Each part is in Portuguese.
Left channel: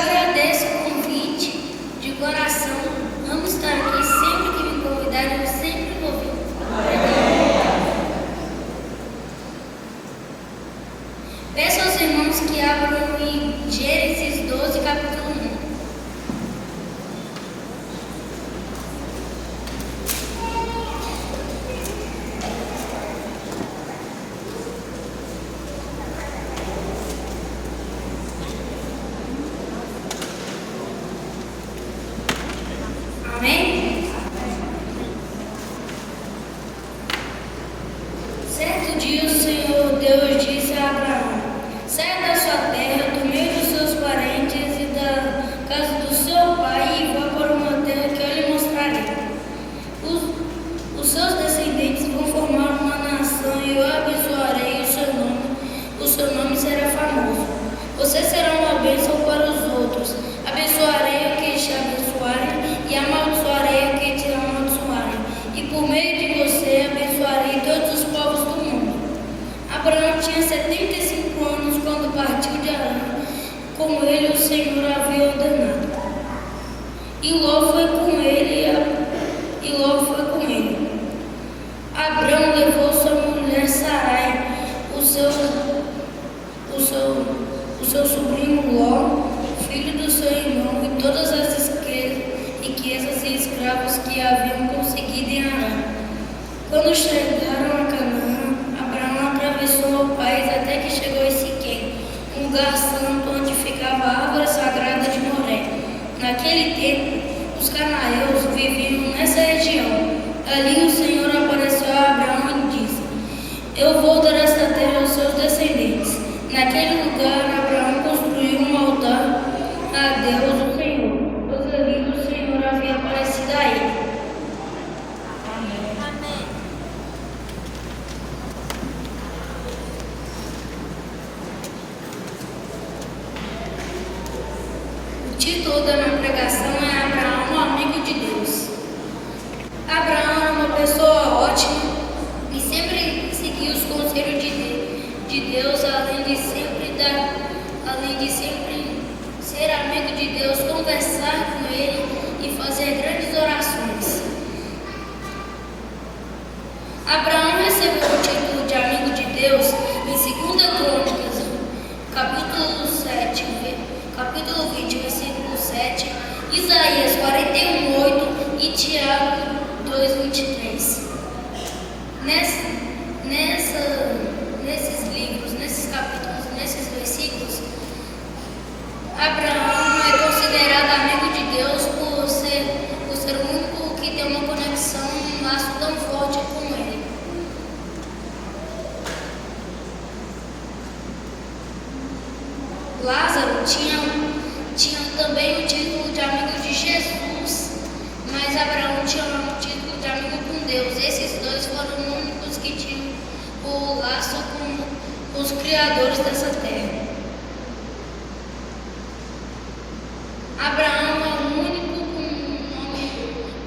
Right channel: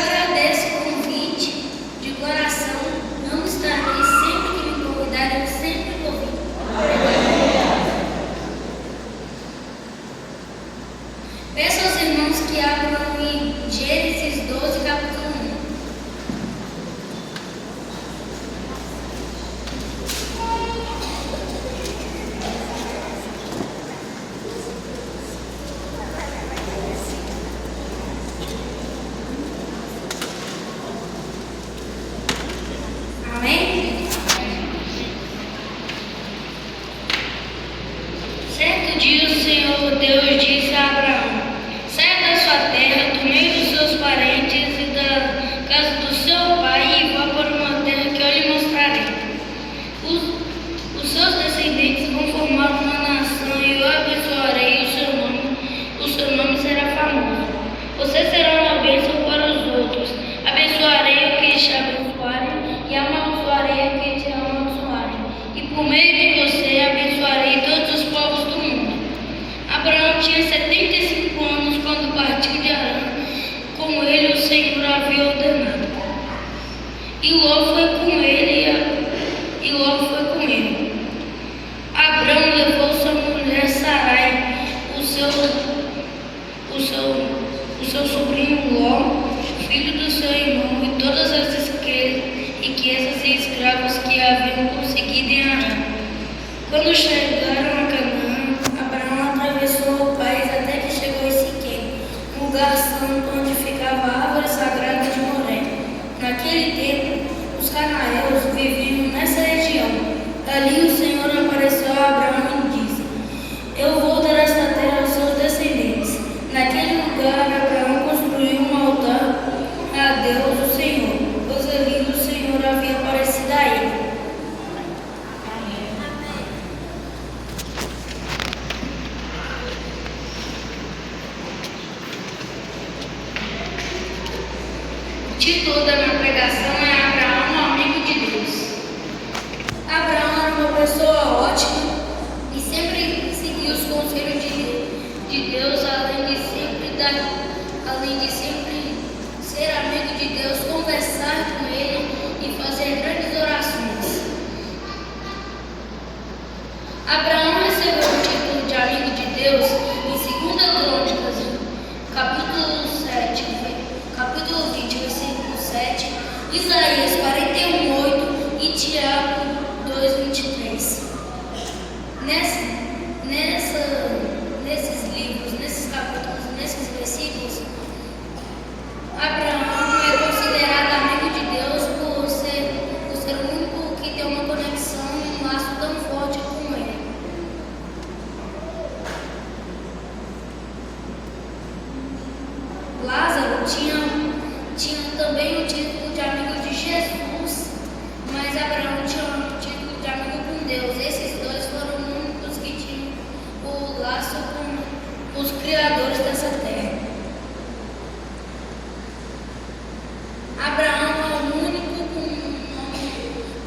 agradeço o convite de coração. Amo estar aqui sempre que me convidarem, eu sempre vou vir. Peço aos irmãos que abram em Gênesis 12, capítulo 1. Amém? Certo dia o Senhor Deus disse a Abraão: saia da sua terra, do meio dos seus parentes e da casa do seu pai e vá para uma terra que eu lhe mostrarei. Os seus descendentes vão formar uma nação e eu abençoarei o seu nome será famoso. Você será uma bênção para os outros. Abençoarei o que te abençoarem e amaldiçoarei o que te amaldiçoarem. E por meio de você abençoarei todos os povos do mundo. Abraão tinha 75 anos quando partiu de Arã, como ele o Senhor havia ordenado. E Ló foi com ele. Abraão levou sua mulher Sarai, o seu sobrinho Ló, filho do seu irmão, e todas as riquezas e escravos que haviam conseguido em Arã. Quando chegaram a Canaã, Abraão atravessou o país até que chegou em Siquém, um lugar santo onde ficava a árvore sagrada de Moré. Naquele tempo, os cananeus viviam nessa região. Ali o Senhor apareceu a Abraão e disse: eu vou dar esta terra aos seus descendentes. Naquele lugar, Abraão construiu um altar a Deus, o Senhor, pois ali o Senhor havia aparecido a ele. O título da minha pregação é Abraão, amigo de Deus. Abraão era uma pessoa ótima e sempre seguia os conselhos de Deus, além de sempre ser amigo de Deus, conversar com ele e fazer grandes orações. Abraão recebeu o título de amigo de Deus em 2 Crônicas, capítulo 20, versículo 7, Isaías 41:8 e Tiago 2:23. Nesses livros, nesses capítulos, nesses versículos, Abraão é considerado amigo de Deus por ser o único que tem uma conexão, um laço tão forte com ele. Lázaro tinha também o título de amigo de Jesus, mas Abraão tinha o título de amigo com Deus. Esses dois foram os únicos que tinham o laço com os criadores dessa terra. Abraão é o único com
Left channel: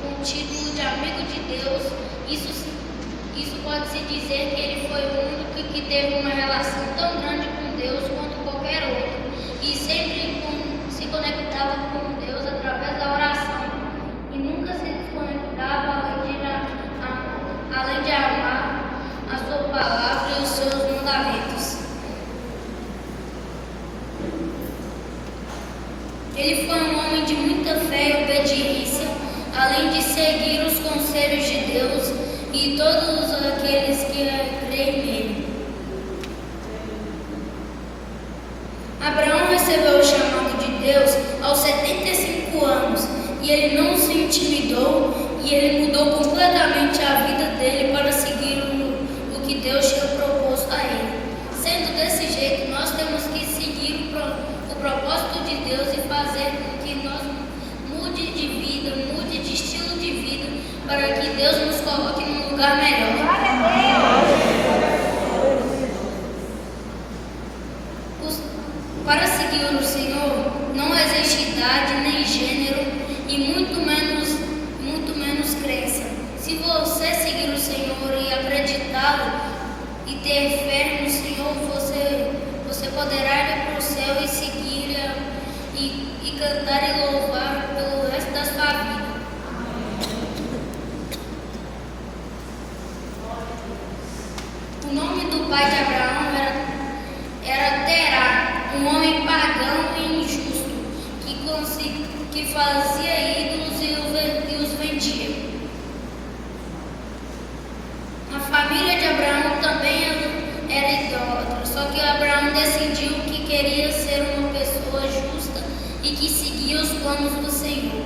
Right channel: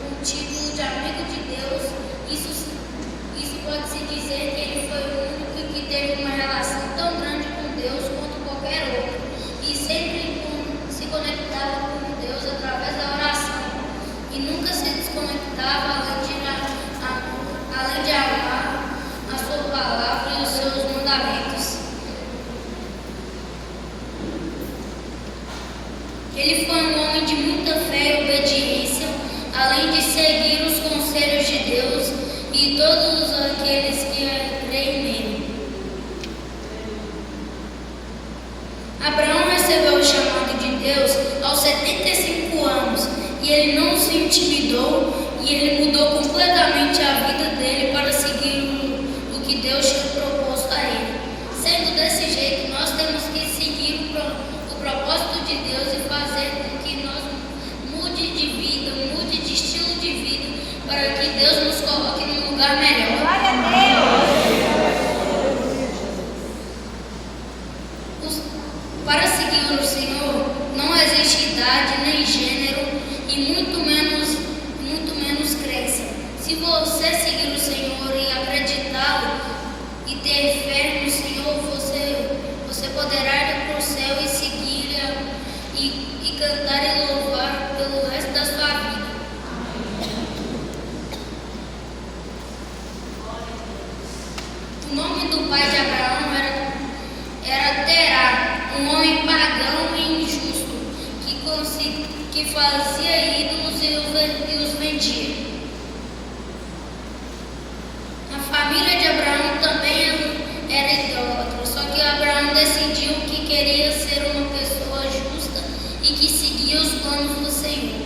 o título de amigo de Deus. Isso pode-se dizer que ele foi o único que teve uma relação tão grande com Deus quanto qualquer outro. E sempre se conectava com Deus através da oração. E nunca se desconectava além de amar a sua palavra e os seus mandamentos. Ele foi um homem de muita fé e obediência, além de seguir os conselhos de Deus e todos aqueles que creem nele. Abraão recebeu o chamado de Deus aos 75 anos e ele não se intimidou e ele mudou completamente a vida dele para seguir o que Deus tinha proposto a ele. Sendo desse jeito, nós temos que seguir o propósito de Deus e fazer com que nós mude de vida, mude de estilo de vida, para que Deus nos coloque num lugar melhor. Para seguir o Senhor, não existe idade nem gênero e muito menos crença. Se você que fazia ídolos e os vendia. A família de Abraão também era idólatra, só que Abraão decidiu que queria ser uma pessoa justa e que seguia os planos do Senhor.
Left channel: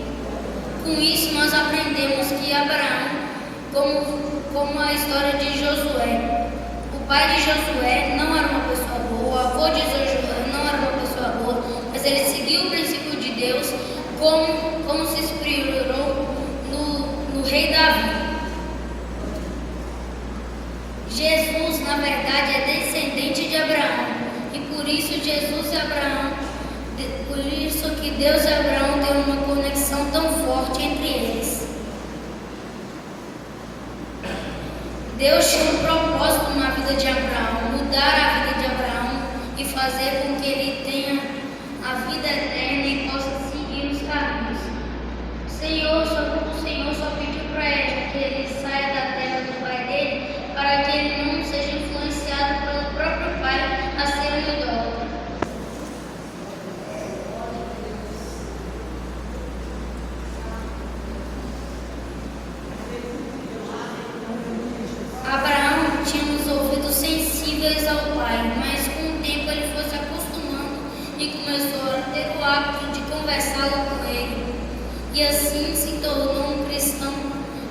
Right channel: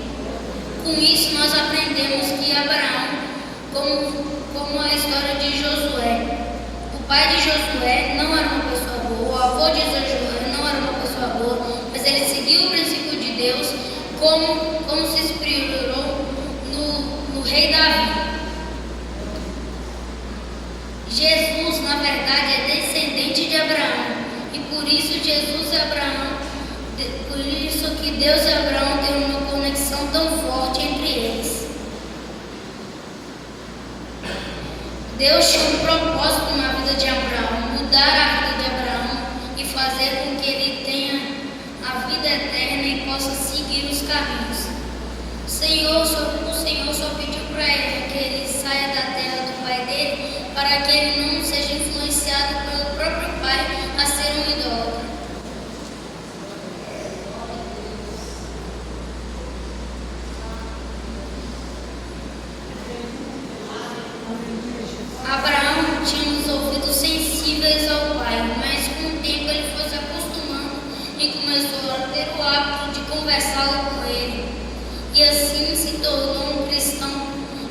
Com isso, nós aprendemos que Abraão, como a história de Josué, o pai de Josué não era uma pessoa boa, o avô de Josué não era uma pessoa boa, mas ele seguiu o princípio de Deus, como se inspirou no rei Davi. Jesus, na verdade, é descendente de Abraão, e por isso Jesus e Abraão, por isso que Deus e Abraão têm uma conexão tão forte entre eles. Deus tinha um propósito na vida de Abraão, mudar a vida de Abraão e fazer com que ele tenha a vida eterna e possa seguir os caminhos. O Senhor só pediu para ele que ele saia da terra do pai dele, para que ele não seja influenciado pelo próprio pai a ser um idólatra. Abraão tinha os ouvidos sensíveis ao pai, mas com o tempo ele foi se acostumando e começou a ter o hábito de conversar com ele. E assim se tornou um cristão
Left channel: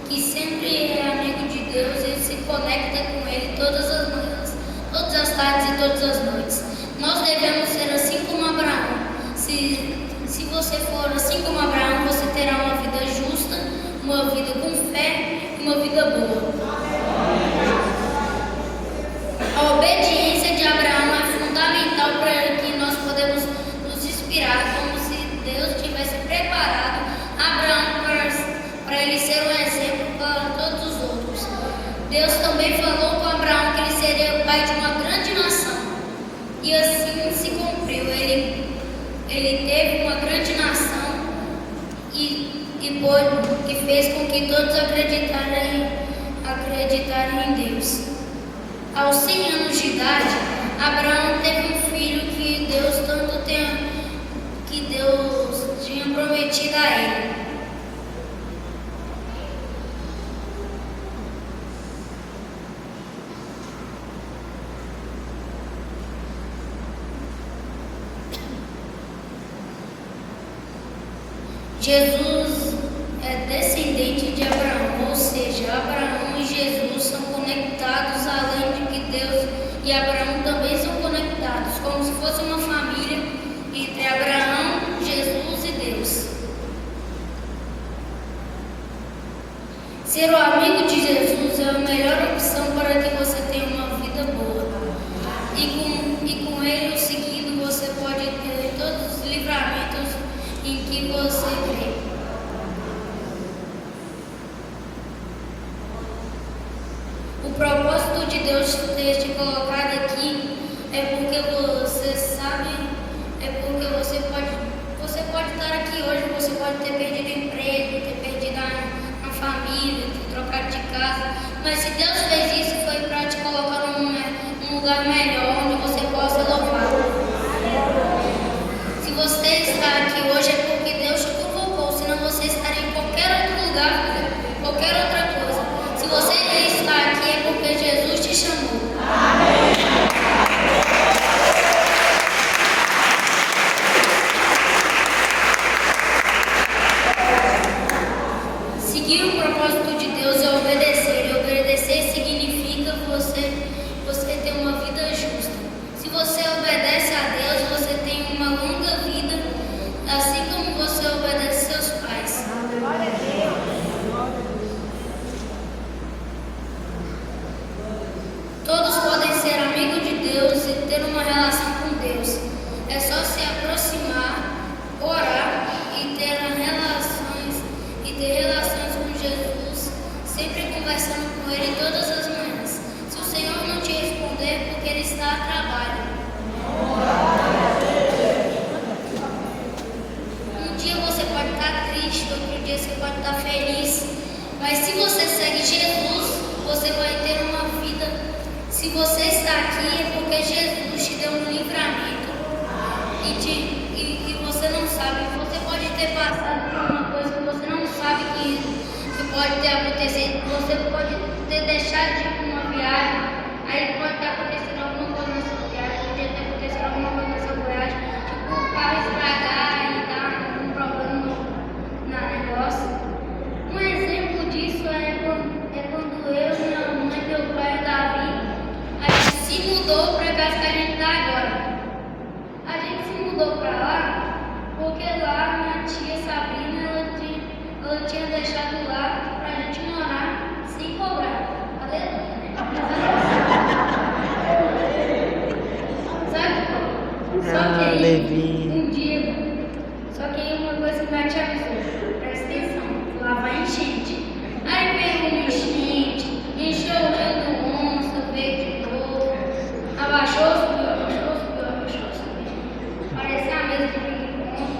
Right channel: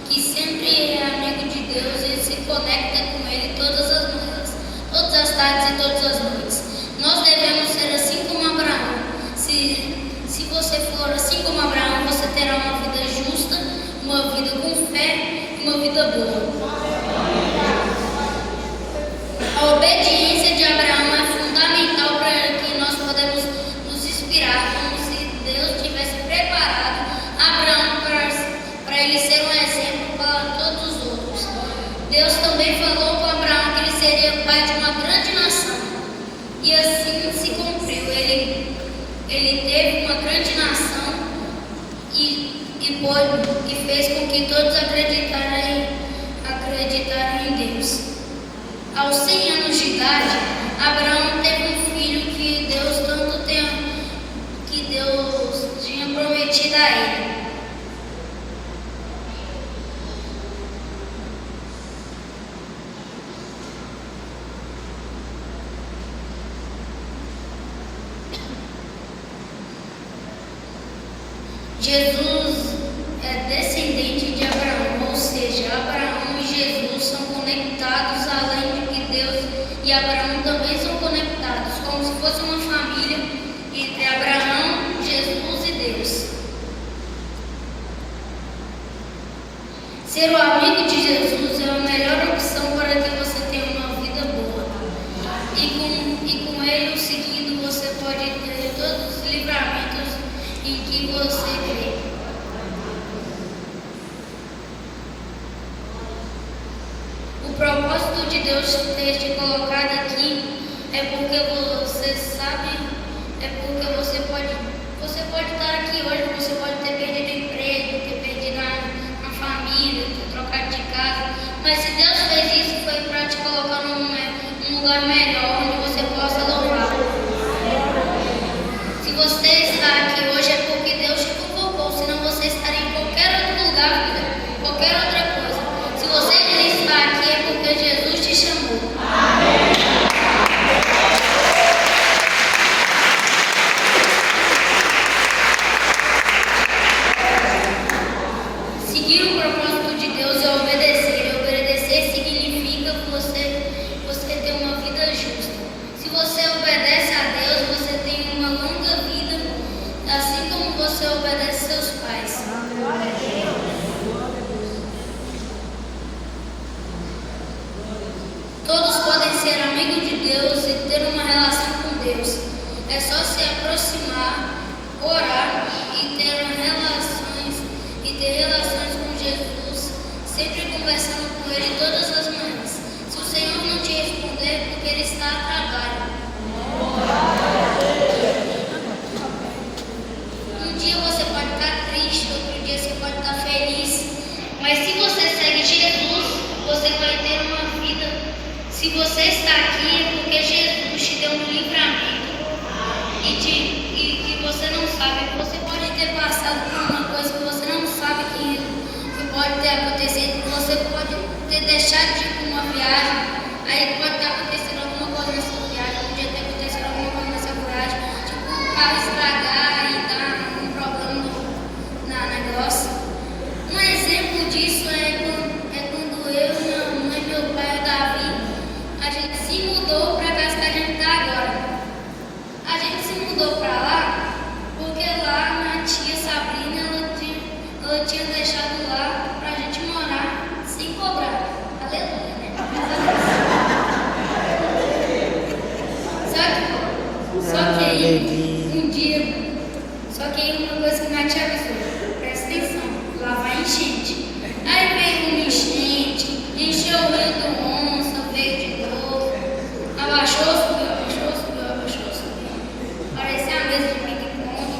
que sempre é amigo de Deus e se conecta com ele todas as manhãs, todas as tardes e todas as noites. Nós devemos ser assim como Abraão. Se você for assim como Abraão, você terá uma vida justa, uma vida com fé e uma vida boa. A obediência de Abraão é fundamental para que nós podemos nos inspirar, como se Deus tivesse preparado Abraão para ele ser um exemplo para todos os outros. Deus também falou com Abraão que ele seria o pai de uma grande nação. E assim se cumpriu. Ele teve uma grande nação e fez com que todos acreditaram em Deus. Aos 100 anos de idade, Abraão teve um filho que Deus tinha prometido a ele. Jesus é descendente de Abraão, ou seja, Abraão e Jesus são conectados além de que Deus e Abraão também são conectados, como se fosse uma família entre Abraão, Jesus e Deus. Ser o amigo de Jesus é a melhor opção para que você tenha uma vida boa. E com ele seguido você pode ter todos os livramentos em que você crê. O propósito de Deus ter te colocado aqui é porque você sabe, você pode estar aqui hoje, você pode ter perdido o emprego, ter perdido a família, ter trocado de casa, mas se Deus fez isso foi para te colocar num lugar melhor, onde você possa louvar. Se você está aqui hoje é porque Deus te convocou, senão você estaria em qualquer outro lugar, qualquer outra coisa. Se você está aqui é porque Jesus te chamou. Seguir o propósito de Deus é obedecer. E obedecer significa você ter uma vida justa. Se você obedece a Deus, você tem uma longa vida, assim como você obedece seus pais. Todos podem ser amigos de Deus e ter uma relação com Deus. É só se aproximar, orar e ter relações com Jesus, sempre conversando com Ele todas as manhãs. Se o Senhor não te responder, porque Ele está a trabalho. Um dia você pode estar triste, outro dia você pode estar feliz, mas se você segue Jesus, você vai ter uma vida. Se você está aqui é porque Jesus te deu um livramento e que você não sabe, você pode ter passado ter deixado de ir para uma viagem, aí pode estar acontecendo alguma coisa nessa viagem, podia ter acontecido alguma coisa nessa viagem, tipo o carro estragar e dar um problema no negócio. Um exemplo disso é quando eu, minha mãe, meu pai e o Davi, a gente se mudou para a casa que a gente está agora. A gente se mudou para lá porque lá minha tia Sabrina, ela tinha deixado lá para a gente morar sem cobrar. Aleluia, né? Só que aí, um dia, só que aí uma coisa que minha tia avisou, presta atenção, lá vai enchente. Aí veio uma enchente, encheu o rio do Onça, veio de novo, abaixou, subiu, abaixou, subiu, abaixou, subiu. Parecia a mesa de ping-pong.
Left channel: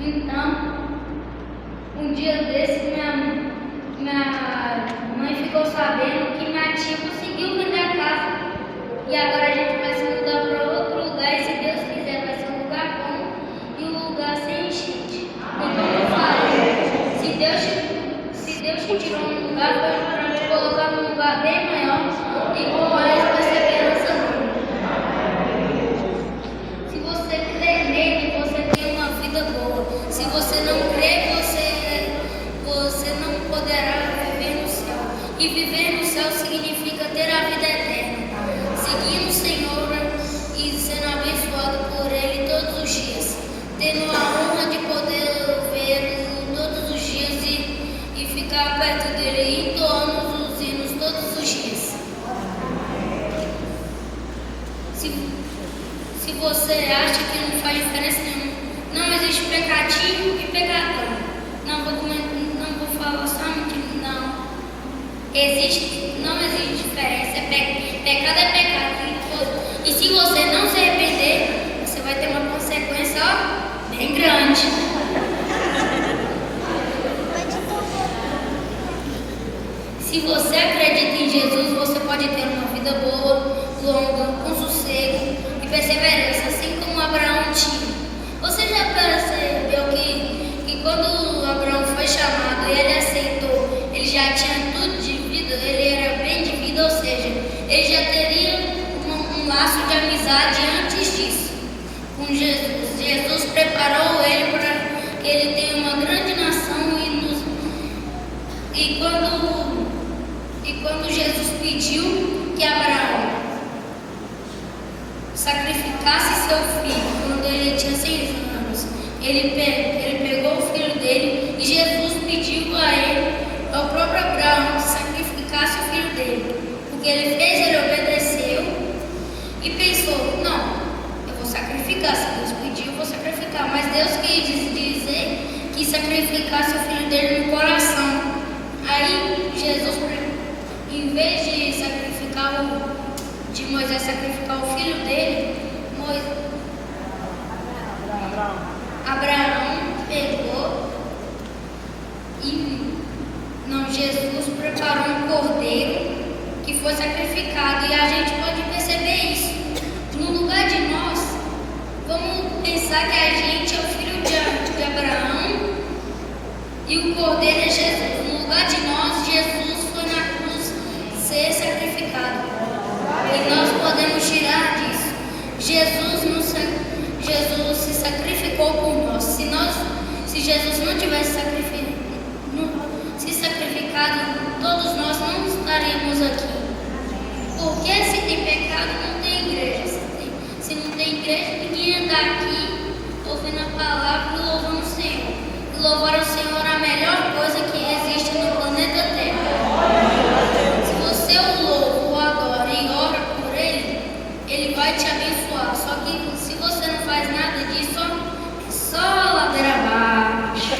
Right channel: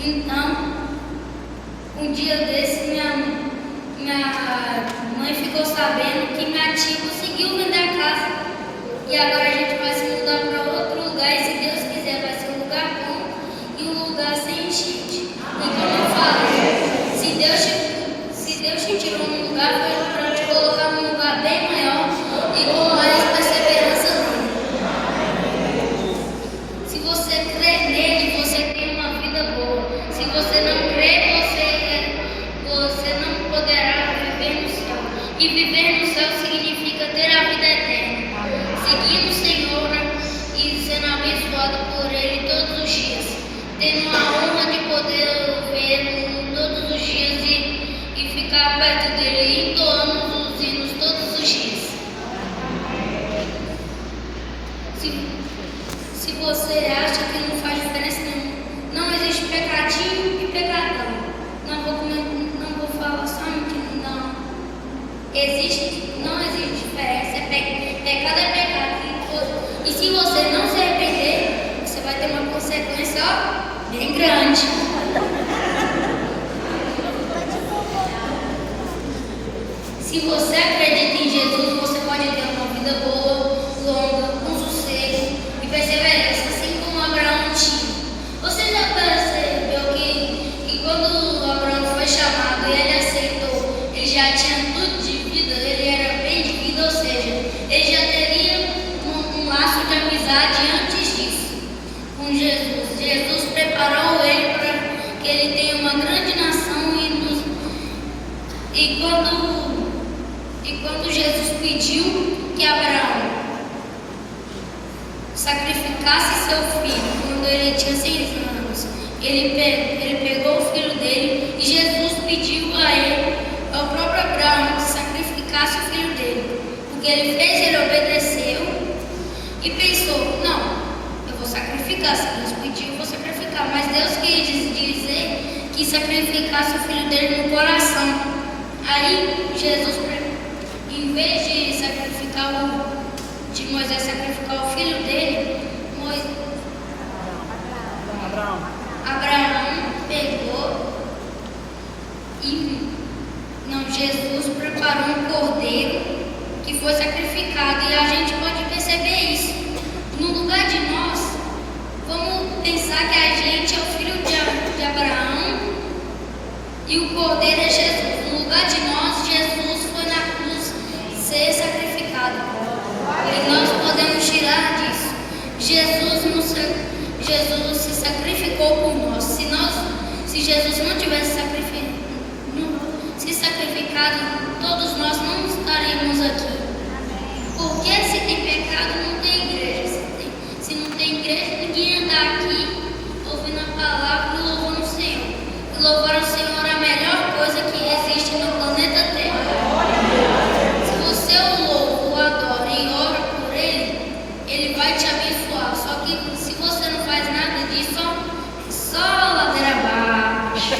Então, um dia desse, minha mãe ficou sabendo que minha tia conseguiu vender a casa. E agora a gente vai se mudar para outro lugar e, se Deus quiser, vai ser um lugar bom e um lugar sem enchente. E como eu falei, se Deus te tirou num lugar, foi para te colocar num lugar bem maior e com mais perseverança dele. Se você crer nele, você tem uma vida boa. Se você não crer, você não poderá viver no céu. E viver no céu significa ter a vida eterna, seguindo o Senhor e sendo abençoado por Ele todos os dias, tendo a honra de poder vê-lo todos os dias e ficar perto dele, entoando os hinos todos os dias. Se você acha que não faz diferença nenhuma, não existe pecadinho e pecadão. Não vou falar só que não. Não existe diferença. Pecado é pecado. E se você não se arrepender, você vai ter uma consequência bem grande. Se você acredita em Jesus, você pode ter uma vida boa, longa, com sossego e perseverança, assim como Abraão tinha. Você já percebeu que quando Abraão foi chamado e ele aceitou, ele já tinha tudo de vida, ele era bem de vida, ou seja, ele já teria um laço de amizade antes disso com Jesus. Jesus preparou ele para que ele tenha uma grande nação e quando Jesus pediu que Abraão sacrificasse seu filho quando ele tinha 6 anos, ele pegou o filho dele e Jesus pediu a ele, ao próprio Abraão, que sacrificasse o filho dele. O que ele fez, ele obedeceu e pensou: não, eu vou sacrificar. Se Deus pediu, eu vou sacrificar. Mas Deus quis dizer que sacrificasse o filho dele no coração. Aí Jesus, em vez de Moisés sacrificar o filho dele, Abraão pegou Jesus preparou um cordeiro que foi sacrificado, e a gente pode perceber isso. No lugar de nós, vamos pensar que a gente é o filho de Abraão e o cordeiro é Jesus. No lugar de nós, Jesus foi na cruz ser sacrificado. E nós podemos tirar disso. Jesus se sacrificou por nós. Se Jesus não tivesse se sacrificado, todos nós não estaríamos aqui. Porque se tem pecado, não tem igreja. Se não tem igreja, ninguém anda aqui ouvindo a palavra e louvando o Senhor. E louvar o Senhor é a melhor coisa que existe no planeta Terra. Se você o louva, o adora e ora por Ele vai te abençoar. Só que se você não faz nada disso, é só ladeira abaixo.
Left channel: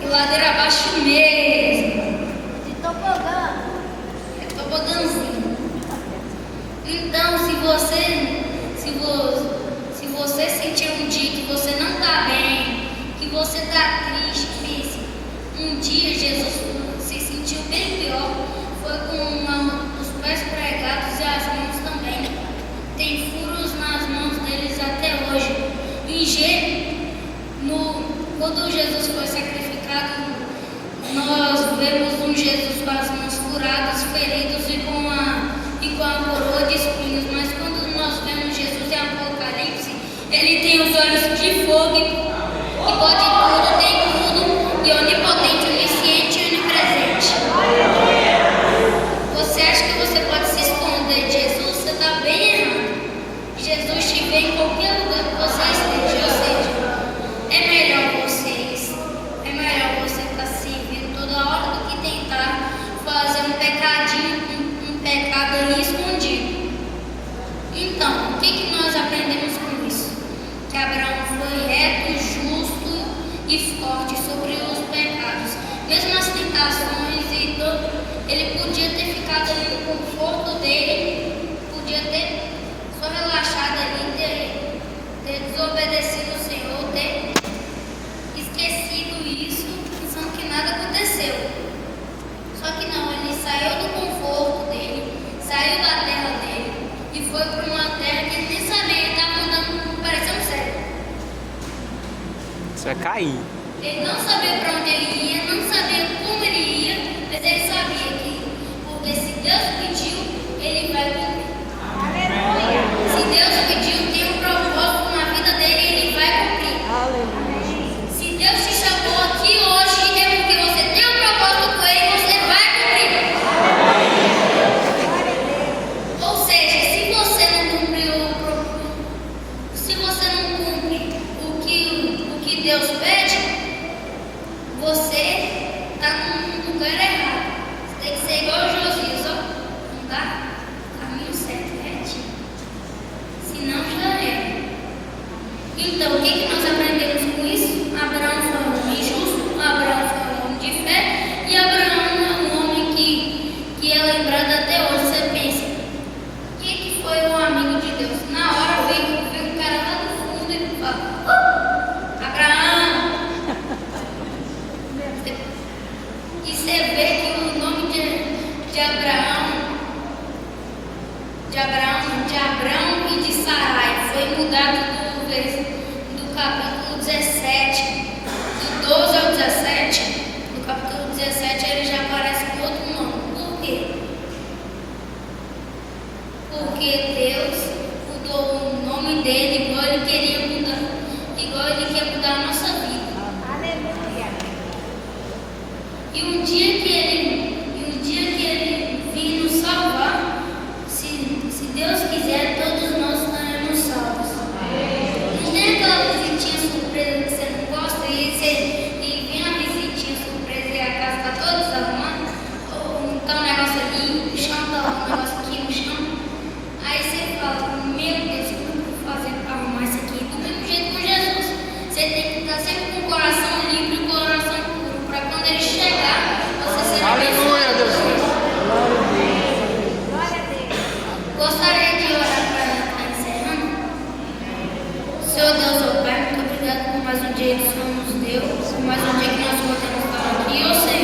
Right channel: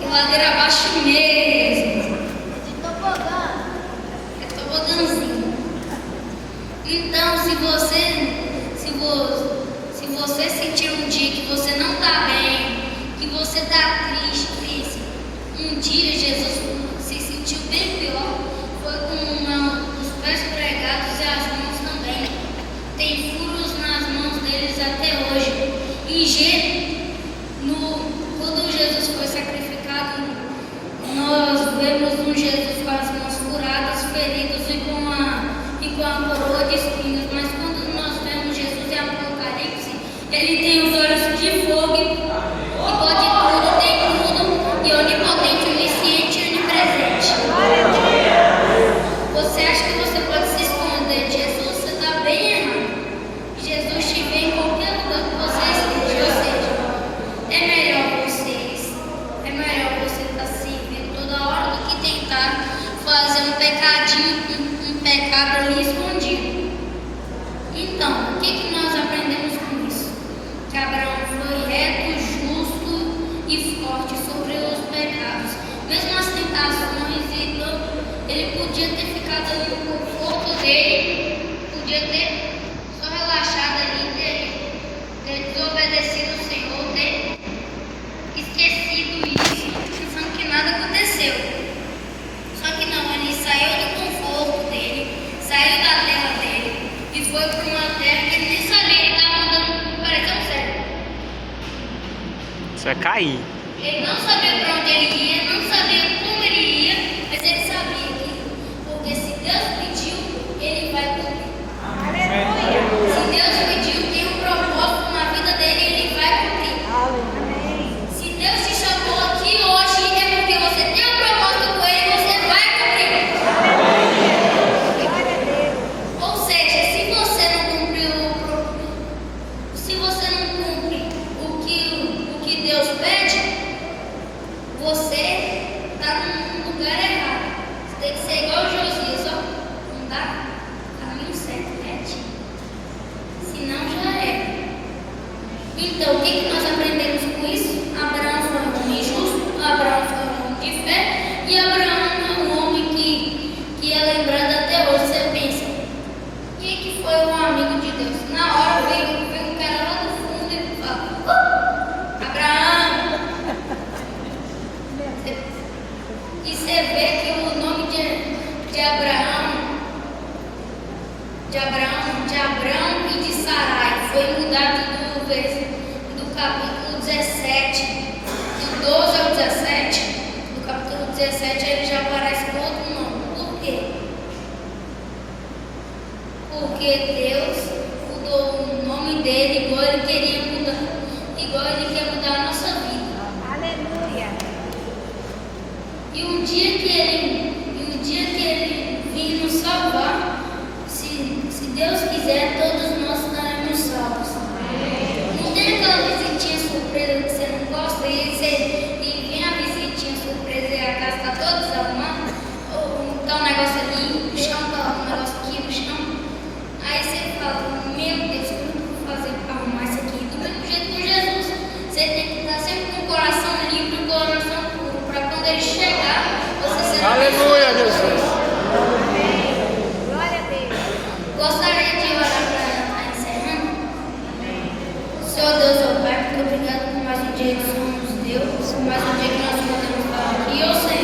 E ladeira abaixo mesmo. É tobogãzinho. Então, se você sentir um dia que você não está bem, que você está triste, pense, um dia Jesus se sentiu bem pior, foi com os pés pregados e as mãos também. Tem furos nas mãos deles até hoje. Quando Jesus foi sacrificado Jesus com as mãos furadas, feridos e com a coroa de espinhos. Mas quando nós vemos Jesus em Apocalipse, ele tem os olhos de fogo e pode tudo, tem tudo, e onipotente, onisciente e onipresente. Você acha que você pode se esconder de Jesus? Você está bem errado. Jesus te vê em qualquer lugar que você esteja. Ou seja, é melhor você estar servindo toda hora do que tentar fazer um pecadinho, um pecado ali escondido. Então, o que nós aprendemos com isso? Que Abraão foi reto, justo e forte sobre os pecados. Mesmo as tentações e todo, ele podia ter ficado ali no conforto dele, podia ter só relaxado ali, ter desobedecido o Senhor, ter esquecido isso, pensando que nada aconteceu. Só que não, ele saiu do conforto dele, saiu da terra dele e foi para uma terra que ele nem sabia, ele estava andando, parecia um cego. Você vai cair. Ele não sabia para onde ele ia, não sabia como ele ia, mas ele sabia que, porque se Deus pediu, ele vai cumprir. Se Deus pediu, tem um propósito na vida dele, ele vai cumprir. Se Deus te chamou aqui hoje, é porque você tem um propósito com ele, você vai cumprir. Ou seja, se você não cumpre o que Deus pede, você está no lugar errado. Você tem que ser igual a Josias, ó. Andar no caminho certo, retinho. Senão já é. Então, o que nós aprendemos com isso? Abraão foi um homem justo, Abraão foi um homem de fé, e Abraão é um homem que é lembrado até hoje. Você pensa, quem que foi um amigo de Deus? Na hora veio um cara lá do fundo e fala, Abraão! E você vê que o nome de Abraão e de Sarai foi mudado do capítulo 17, do 12 ao 17, do capítulo 17 ele já aparece com outro nome. Por quê? Porque Deus mudou o nome dele igual ele queria mudar, igual ele quer mudar a nossa vida. E um dia que ele vir nos salvar, se Deus quiser, todos nós estaremos salvos. Não tem aquela visitinha surpresa que você não gosta e vem a visitinha surpresa e a casa está toda desarrumada, ou está um negócio ali, o chão está um negócio aqui no chão. Aí você fala, meu Deus, como eu vou fazer para arrumar isso aqui? Do mesmo jeito com Jesus. Você tem que estar sempre com o coração limpo e o coração puro, para quando ele chegar, você ser Aleluia, Deus. Gostaria de orar para estar encerrando. Senhor Deus, ó Pai, muito obrigado por mais um dia que somos Deus, por mais um dia que nós podemos estar aqui. Ó Senhor,